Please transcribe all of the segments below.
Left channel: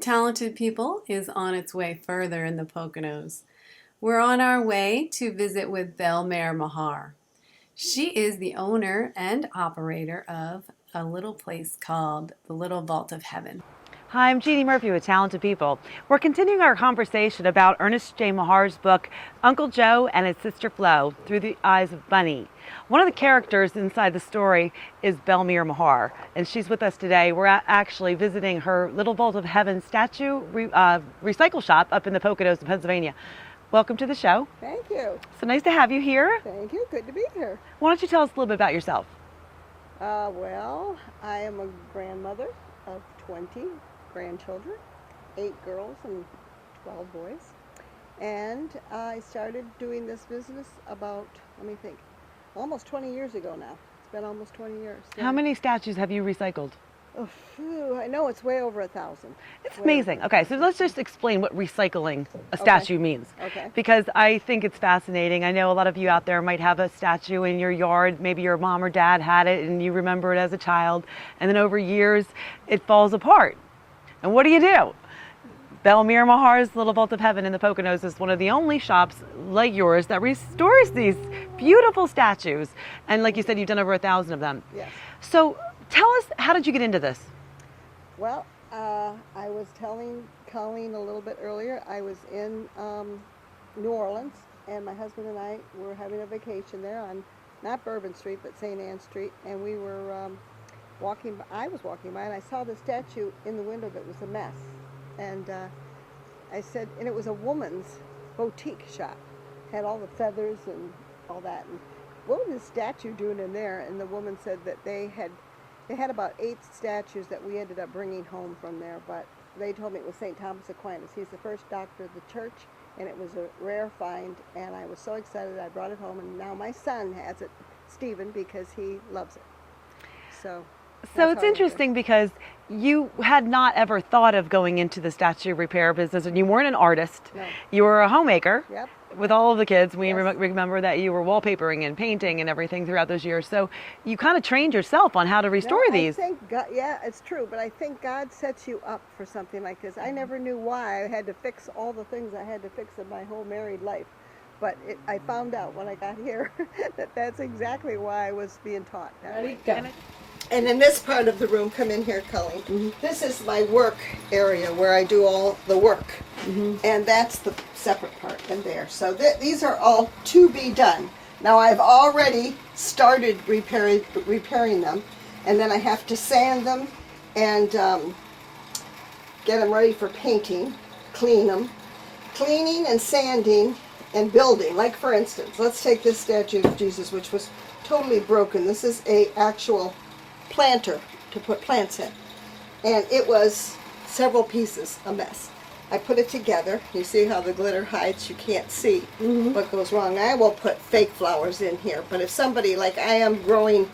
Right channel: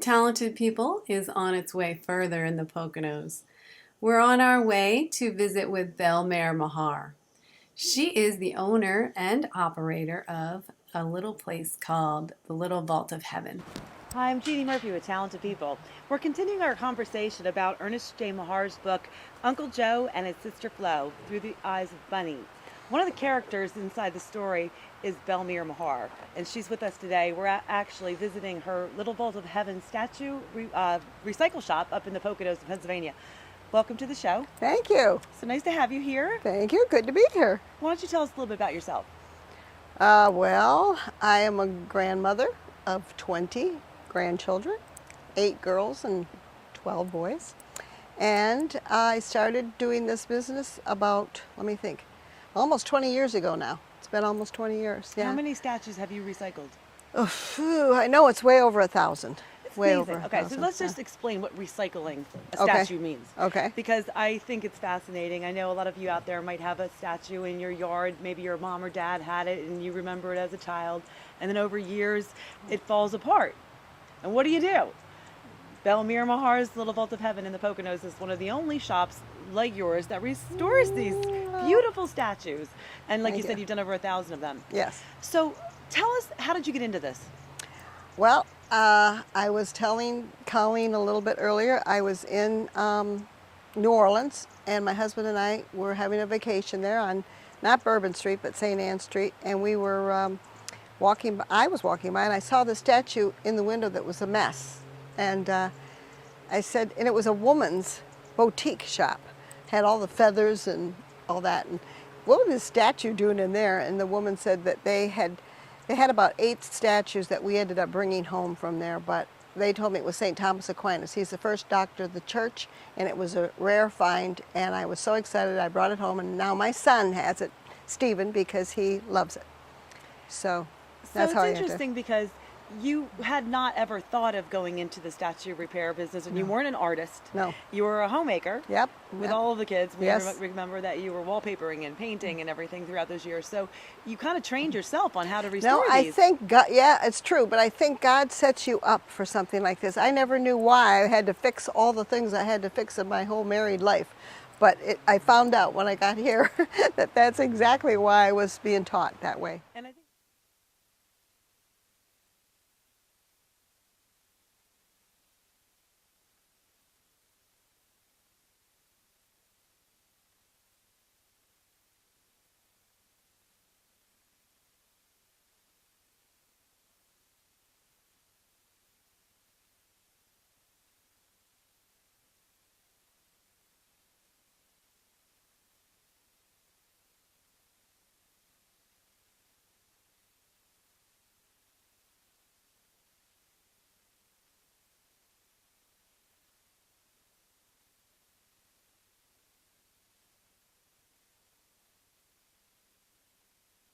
Talented People is on its way further in the Poconos. We're on our way to visit with Bel Mehr Mahar. She is the owner and operator of a little place called the Little Vault of Heaven. Hi, I'm Jeanne Murphy with Talented People. We're continuing our conversation about Ernest J. Mahar's book, Uncle Joe and His Sister Flo, Through the Eyes of Bunny. One of the characters inside the story is Bel Mehr Mahar, and she's with us today. We're actually visiting her Little Vault of Heaven statue recycle shop up in the Poconos of Pennsylvania. Welcome to the show. Thank you. So nice to have you here. Thank you. Good to be here. Why don't you tell us a little bit about yourself? Well, I am a grandmother of 20 grandchildren, 8 girls and 12 boys. And I started doing this business about, let me think, almost 20 years ago now. It's been almost 20 years. Yeah. How many statues have you recycled? Oh, phew, I know it's way over 1,000. It's Way amazing. over Okay, so 1,000, let's yeah. just explain what recycling a Okay. statue means. Okay. Because I think it's fascinating. I know a lot of you out there might have a statue in your yard. Maybe your mom or dad had it and you remember it as a child. And then over years, it falls apart. And what do? Bel Mehr Mahar's Little Vault of Heaven in the Poconos is one of the only shops like yours that restores these beautiful statues. And like you said, you've done over 1,000 of them. Yes. So tell us, how did you get into this? Well, I was telling Colleen a little bit earlier, I was in New Orleans, and my husband and I were having a vacation there on, not Bourbon Street, but St. Anne Street, and we were I was walking by, and I saw the statue in the window that was a mess. And I said, and it was a woman's boutique shop, had all the feathers and all that, and what was this statue doing in there? And the woman said that they had about 8 statues that we ended up bringing home from there, but they told me it was St. Thomas Aquinas. He's the first doctor of the church, and it was a rare find, and I was so excited I brought it home, and now my son has it, Stephen, because he loves it. So that's So how I it's got interesting because you had not ever thought of going into the statue repair business, and you weren't an artist. No. You were a homemaker. Yep. With all of the kids. We Yes. remember that you were wallpapering and painting and everything throughout those years. So you kind of trained yourself on how to restore No, these. I think God, yeah, it's true, but I think God sets you up for something like this. I never knew why I had to fix all the things I had to fix in my whole married life. But I found out when I got here that that's exactly why I was being taught that way. And in this part of the room, come in here, Colleen. This is my work area where I do all the work. And that's the separate part in there. So these are all to be done. Now I've already started repairing them, and then I have to sand them and get them ready for painting, clean them. Cleaning and sanding and building. Like for instance, let's take this statue of Jesus, which was totally broken. This is a actual planter to put plants in, and it was several pieces, a mess. I put it together. You see how the glitter hides, you can't see what goes wrong. I will put fake flowers in here, but if somebody, like I am growing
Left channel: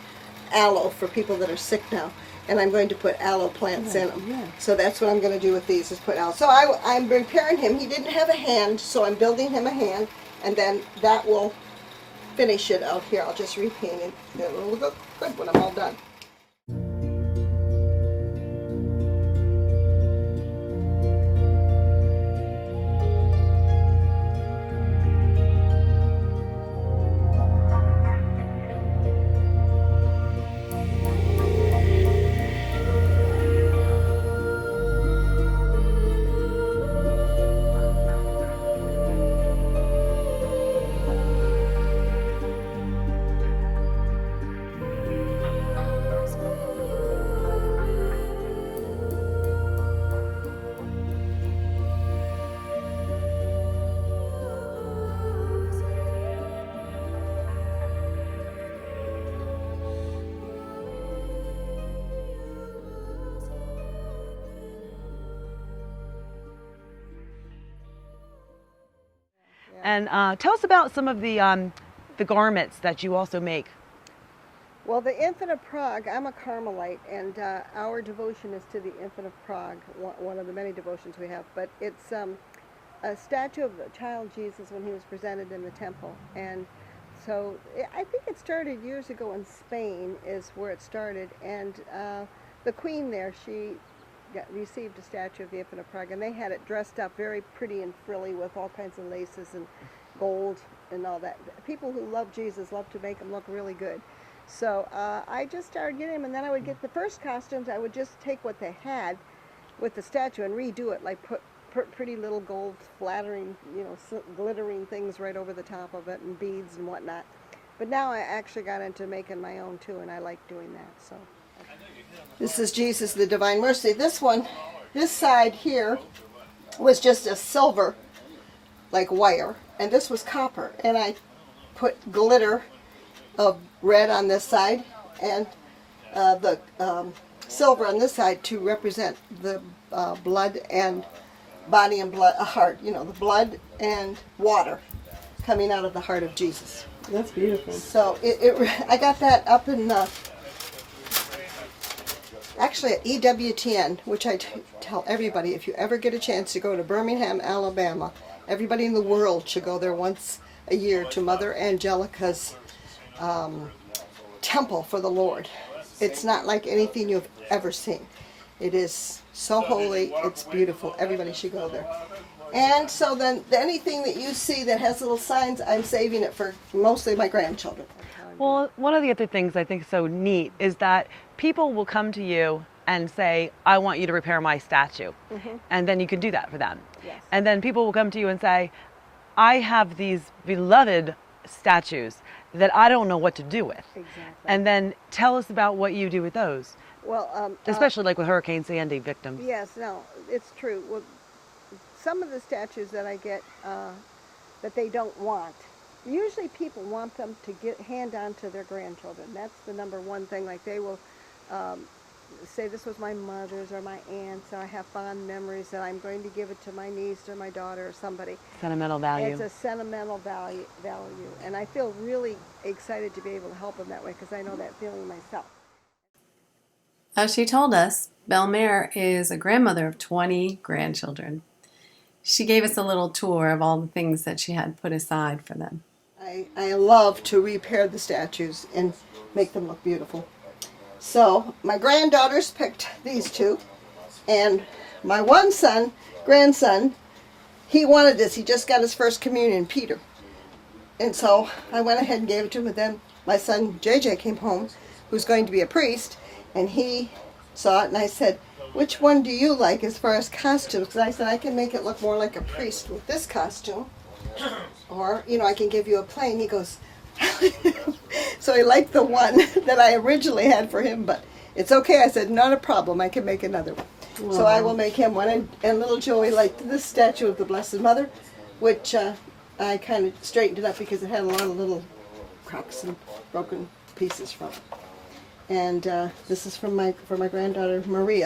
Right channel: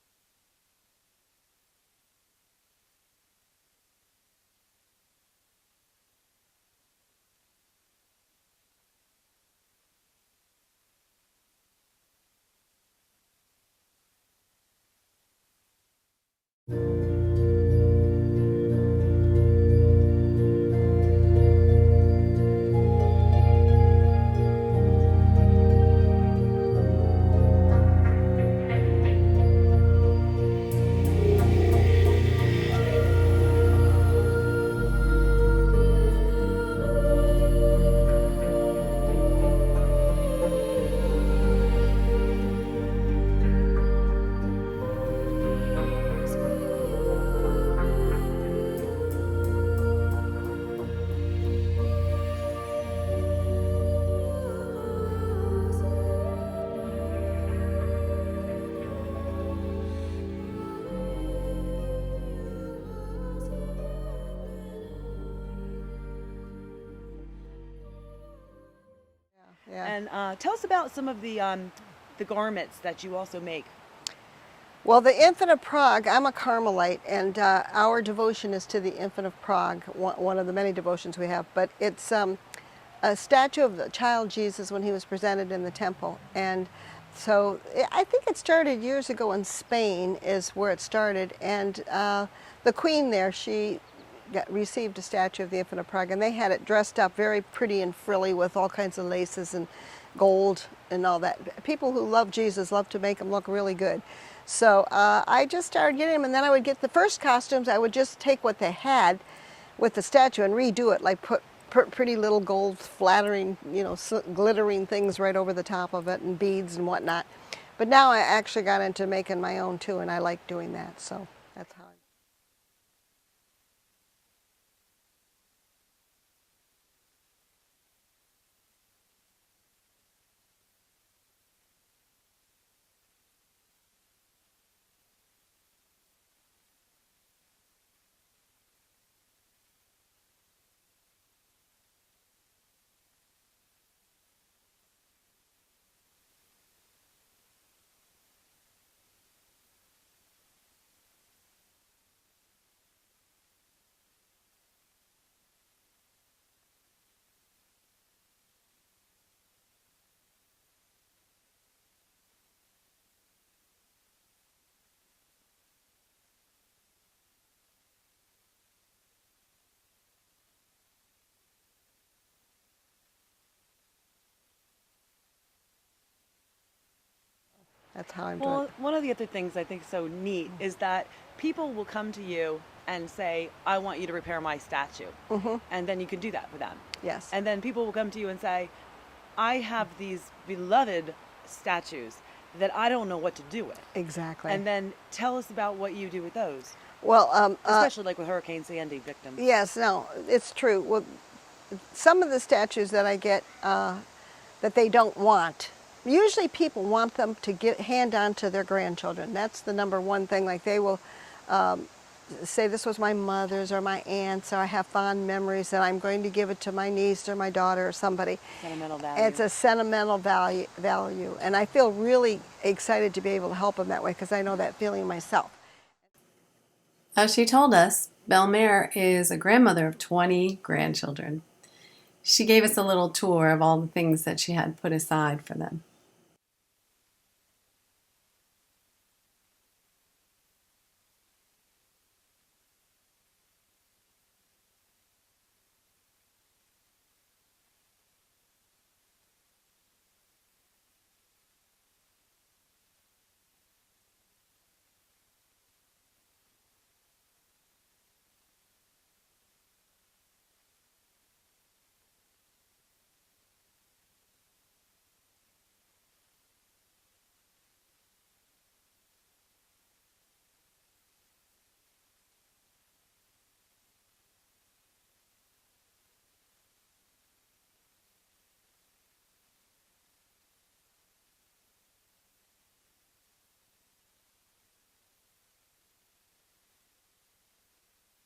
aloe for people that are sick now, and I'm going to put aloe plants in them. yeah. So that's what I'm going to do with these, is put aloe. So I'm repairing him. He didn't have a hand, so I'm building him a hand, and then that will finish it out here. I'll just repaint it. It will look good when I'm all done. And tell us about some of the garments that you also make. Well, the Infant of Prague, I'm a Carmelite, and our devotion is to the Infant of Prague, one of the many devotions we have. But it's a statue of the child Jesus when he was presented in the temple. And so I think it started years ago in Spain is where it started. And the queen there, she received a statue of the Infant of Prague, and they had it dressed up very pretty and frilly with all kinds of laces and gold and all that. People who love Jesus love to make them look really good. So I just started getting them, and then I would get the first costumes. I would just take what they had with the statue and redo it, like put pretty little gold flattering, glittering things right over the top of it and beads and whatnot. But now I actually got into making my own too, and I like doing that. So this is Jesus, the Divine Mercy. This side here was just a silver, like wire, and this was copper. And I put glitter of red on this side and the silver on this side to represent the blood and body and blood, a heart, the blood and water coming out of the heart of Jesus. That's beautiful. So I got that up in actually at EWTN, which I tell everybody, if you ever get a chance to go to Birmingham, Alabama, everybody in the world should go there once a year to Mother Angelica's temple for the Lord. It's not like anything you've ever seen. It is so holy, it's beautiful. Everybody should go there. And so then anything that you see that has little signs, I'm saving it for mostly my grandchildren. That's how I'm doing it. One of the other things I think is so neat is that people will come to you and say, I want you to repair my statue. And then you can do that for them. Yes. And then people will come to you and say, I have these beloved statues that I don't know what to do with. Exactly. And then tell us about what you do with those. Well, especially like with Hurricane Sandy victims. Yes, no, it's true. Well, some of the statues that I get that they don't want, usually people want them to hand on to their grandchildren. That's the number one thing. Like they will say, this was my mother's or my aunt's, or I have fond memories, and I'm going to give it to my niece or my daughter or somebody. Sentimental value. It's a sentimental value, and I feel really excited to be able to help them that way because I know that feeling myself. As she told us, Bel Mehr is a grandmother of 20 grandchildren. She gave us a little tour of all the things that she had put aside for them. I love to repair the statues and make them look beautiful. So my granddaughters picked these two, and my one grandson, he wanted this. He just got his first communion, Peter. And so I went ahead and gave it to him, and then my son JJ came home, who's going to be a priest, and he saw it, and I said, which one do you like as far as costumes? Because I said, I can make it look more like a priest with this costume, or, I can give you a plain. He goes, so he liked the one that I originally had for him, but it's okay. I said, not a problem. I can make another one. Wow. So I will make him one. And little Joey liked this statue of the Blessed Mother, which I kind of straightened it up because it had a lot of little cracks and broken pieces from it. And this is for my granddaughter Marie.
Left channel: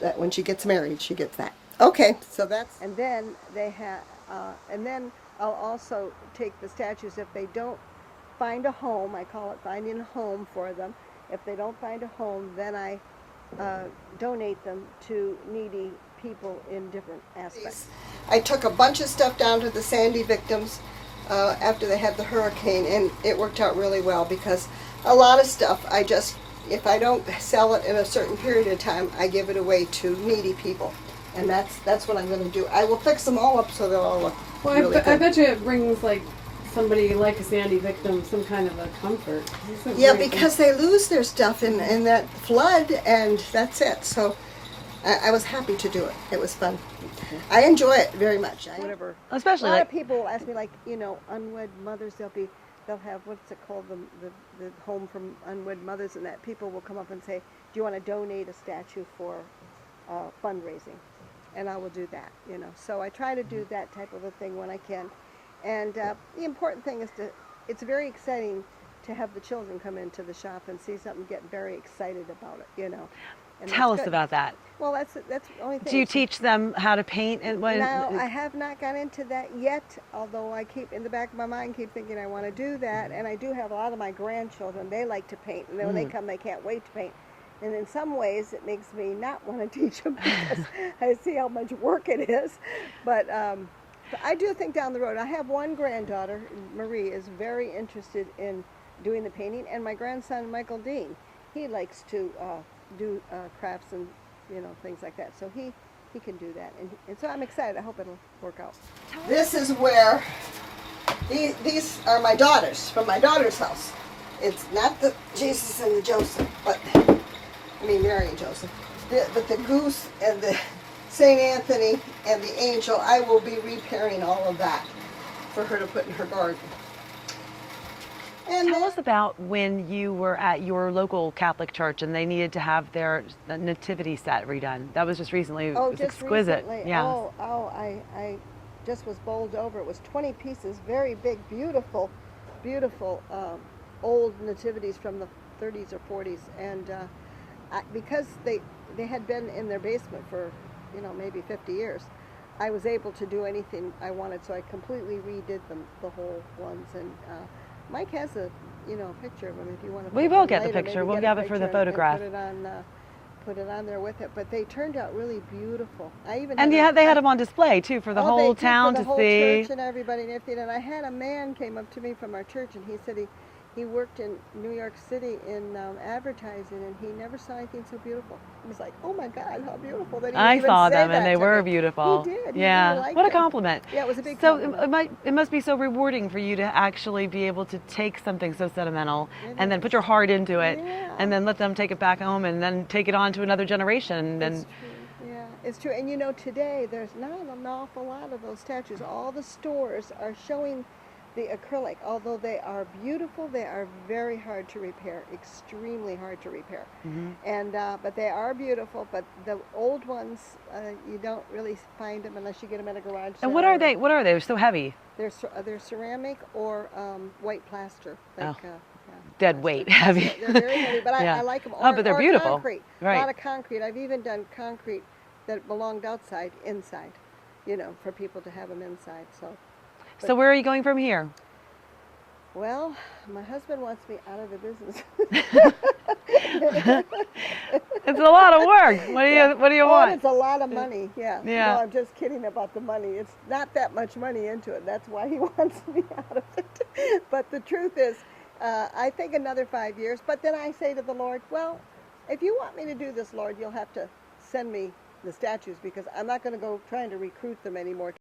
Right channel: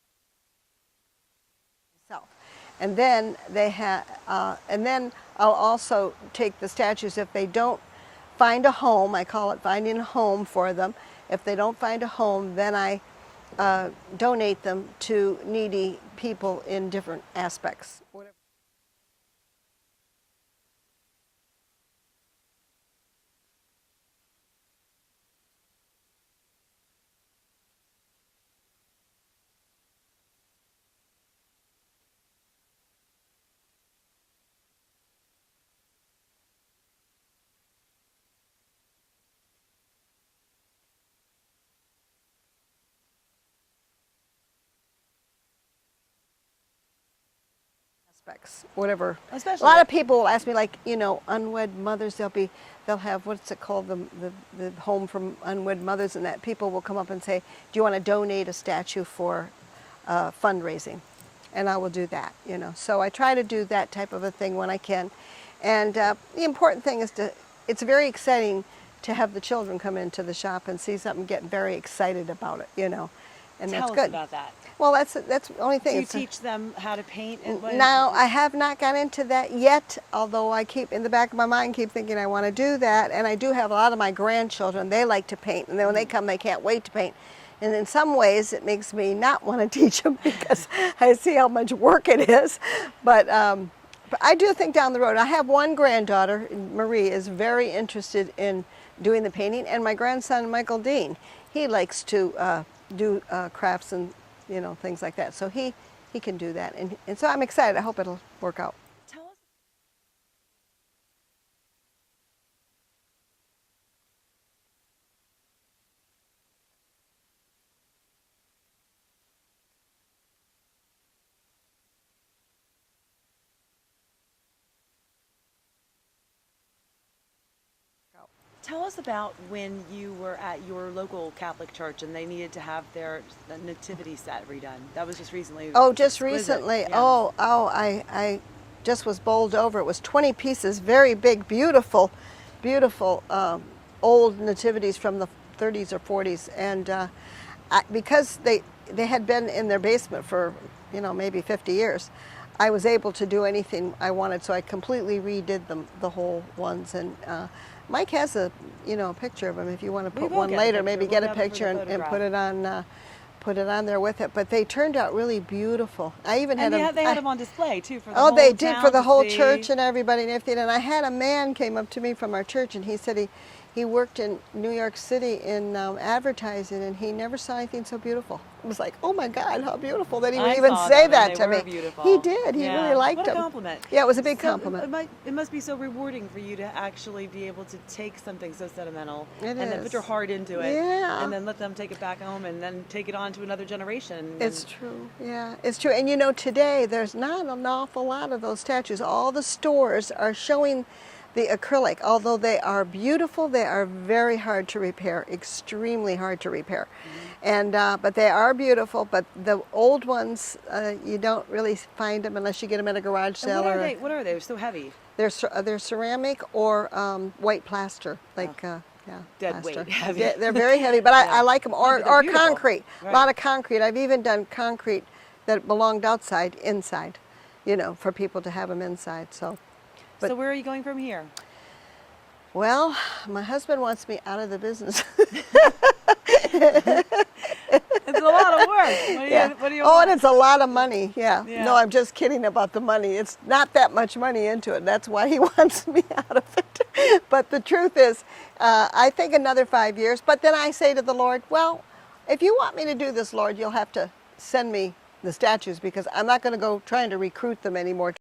That when she gets married, she gets that. Okay, so that's. And then they have, and then I'll also take the statues if they don't find a home. I call it finding a home for them. If they don't find a home, then I donate them to needy people in different aspects. I took a bunch of stuff down to the Sandy victims after they had the hurricane, and it worked out really well because a lot of stuff if I don't sell it in a certain period of time, I give it away to needy people. And that's what I'm going to do. I will fix them all up so they'll all look really good. I bet you it brings somebody like a Sandy victim some kind of a comfort. Yeah, because they lose their stuff in that flood, and that's it. So I was happy to do it. It was fun. I enjoy it very much. Whatever. Especially a lot of people will ask me, unwed mothers. They'll have, what's it called, the home from unwed mothers, and that people will come up and say, do you want to donate a statue for fundraising? And I will do that, So I try to do that type of a thing when I can. And the important thing is it's very exciting to have the children come into the shop and see something, get very excited about it, And tell us good. about that. Well, that's the only thing. Do you teach them how to paint? Now, I have not got into that yet, although I keep, in the back of my mind, keep thinking I want to do that. And I do have a lot of my grandchildren, they like to paint. And then when they come, they can't wait to paint. And in some ways, it makes me not want to teach them because I see how much work it is. But I do think down the road, I have one granddaughter, Marie, is very interested in doing the painting. And my grandson, Michael Dean, he likes to do crafts and things like that. So he can do that, and so I'm excited. I hope it'll work out. This is where these are my daughters from my daughter's house. It's not the Jesus and the Joseph, but I mean Mary and Joseph. But the goose and the Saint Anthony and the angel, I will be repairing all of that for her to put in her garden. And Tell us about when you were at your local Catholic church and they needed to have their nativity set redone. That was just recently. Oh, It was just exquisite. recently. Yeah. I just was bowled over. It was 20 pieces, very big, beautiful, beautiful old nativities from the 30s or 40s. And because they had been in their basement for, maybe 50 years, I was able to do anything I wanted. So I completely redid them, the whole ones. And Mike has a picture of them. If you want to We put will one get the later, picture. maybe We'll get a have it for the picture and photograph. put it on there with it. But they turned out really beautiful. I even And had they had them on display too for the whole they did town for the to whole see. church and everybody and everything. And I had a man came up to me from our church, and he said he worked in New York City in advertising, and he never saw anything so beautiful. I was like, oh my God, how beautiful that he would I even saw say them that and to they were me. beautiful. He did. He Yeah. really liked What a them. compliment. Yeah, it was a big So compliment. it must be so rewarding for you to actually be able to take something so sentimental It and then is. put your heart into it, Yeah. and then let them take it back home and then take it on to another generation. It's true. Yeah, it's true. And today there's not an awful lot of those statues. All the stores are showing the acrylic. Although they are beautiful, they are very hard to repair, extremely hard to repair. And but they are beautiful. But the old ones, you don't really find them unless you get them at a garage sale. And what are they? What are they? They're so heavy. They're ceramic or white plaster, like Oh. yeah, Dead plaster. weight, heavy. Yeah, they're very heavy, but Yeah. I like them. Oh, but they're Or beautiful. concrete. Right. A lot of concrete. I've even done concrete that belonged outside, inside, for people to have them inside. So, So where are you going from here? well, my husband wants me out of the business. It's a lot of work. What do you Oh, want? and it's a lot of money. Yeah. Yeah. No, I'm just kidding about the money. It's not that much money into it. That's why he wants me out of it. But the truth is, I think another 5 years. But then I say to the Lord, well, if you want me to do this, Lord, you'll have to send me the statues, because I'm not going to go trying to recruit them anymore.